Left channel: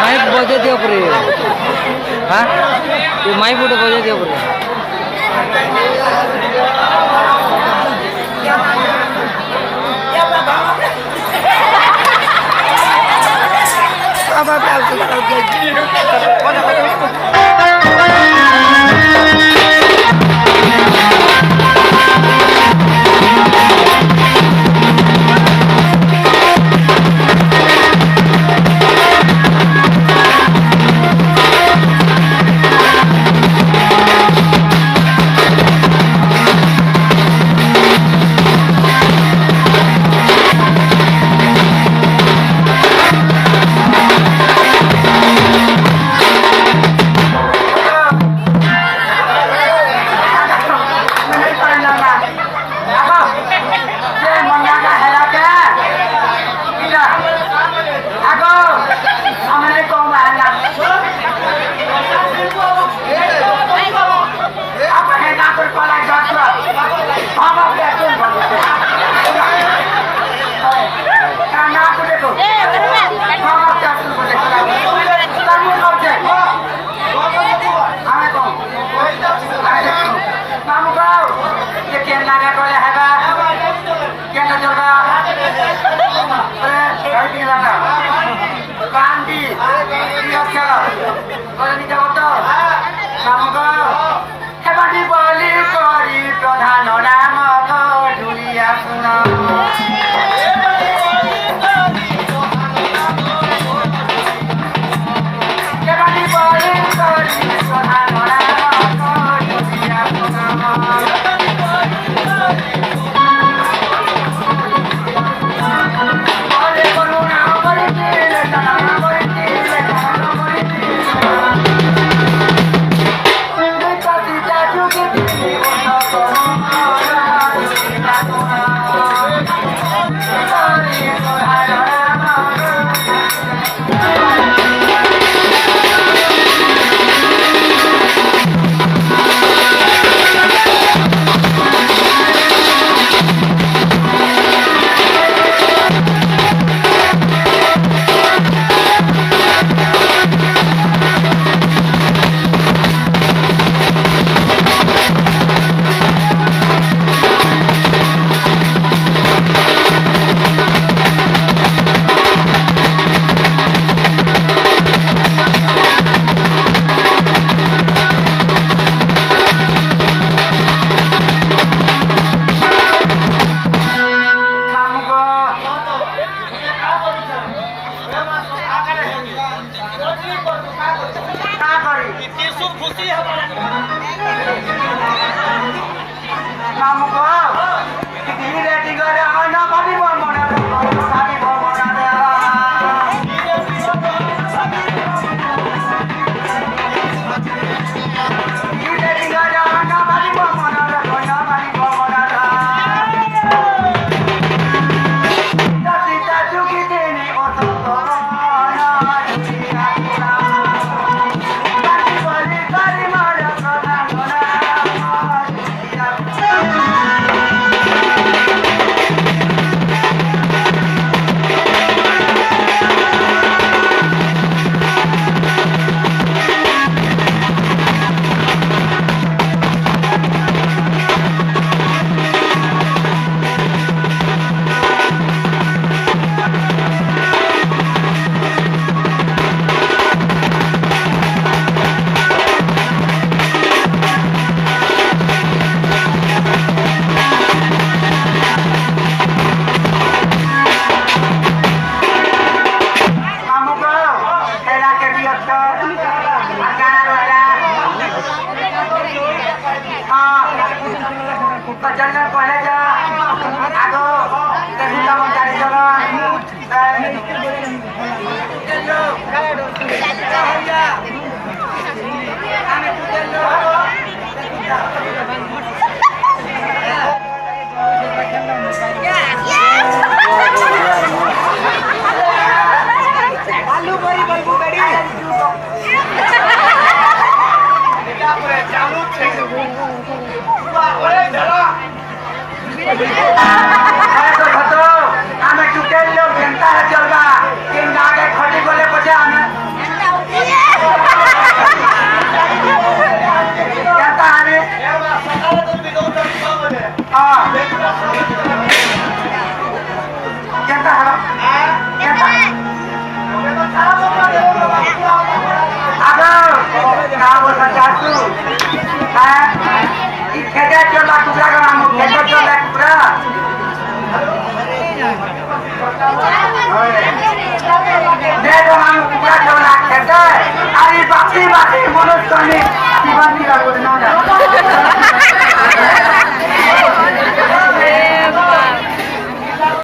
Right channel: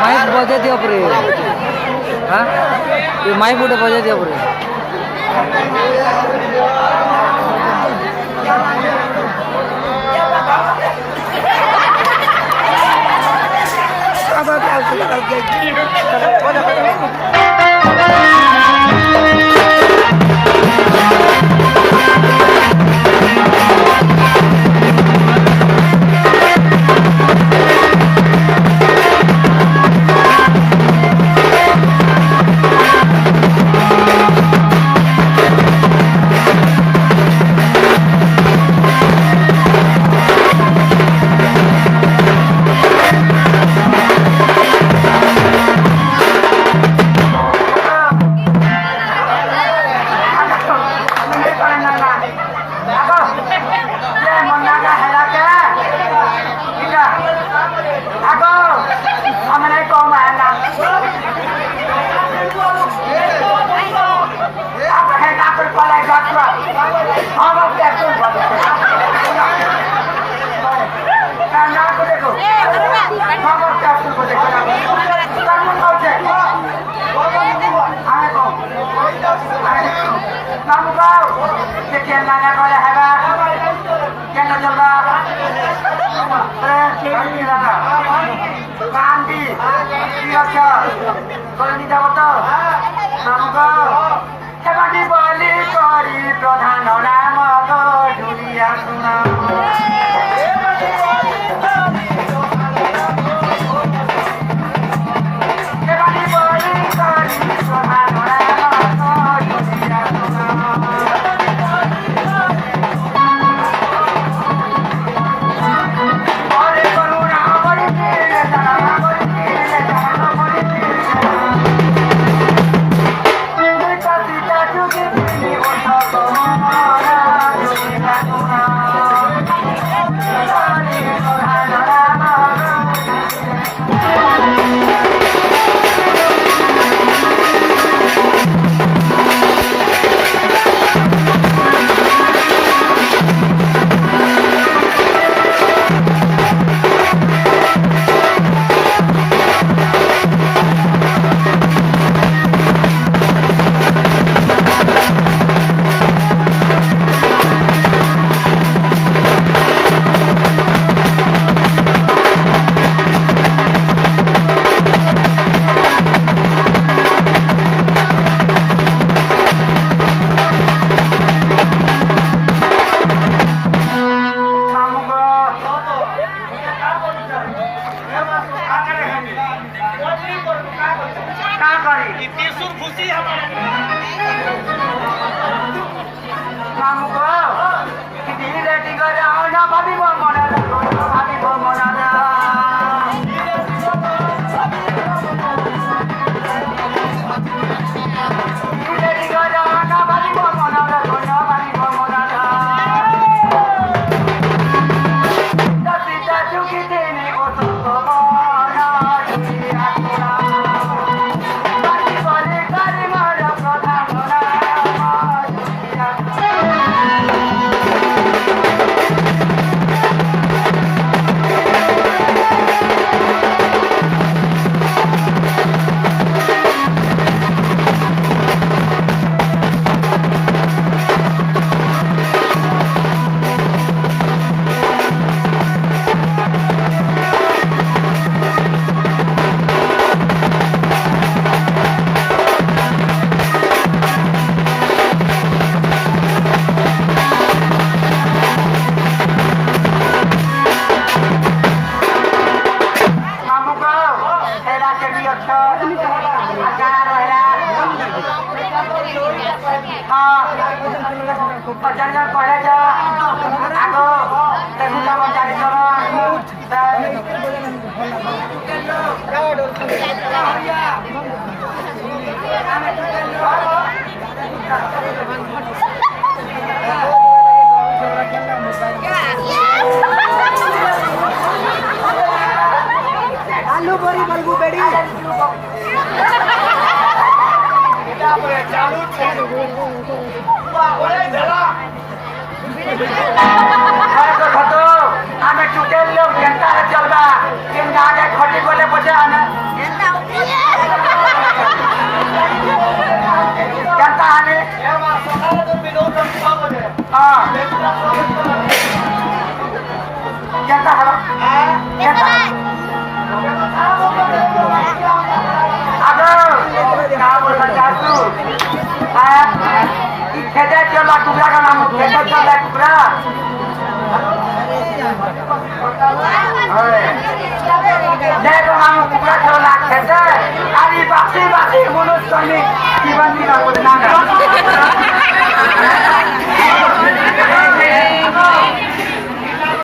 mic बजे दिया परे हाँ ये माइक उठे बजे दिया परे अब क्या प्रधान राम ढुलिया सुना जंगल पहले जा आगो देखुला मन जानी चलो हरिया हमें टुकेल आलू बड़ी बल्बू बड़ी चालू छे बा ओरे धरा अरे तो भतो हमें टुकेल लो घंटा है चलबा के नागे खड़ी बोले बजा ना कहता है सकाल तो बिदो कर सामने हां कहता है कहता है खेते चला टुकड़ा का नाम खेते चला टुकड़ा देखो नाम टुकड़ा चला खेते अरे बाकी बाकी बोलो तो नहीं जीवन की बात ना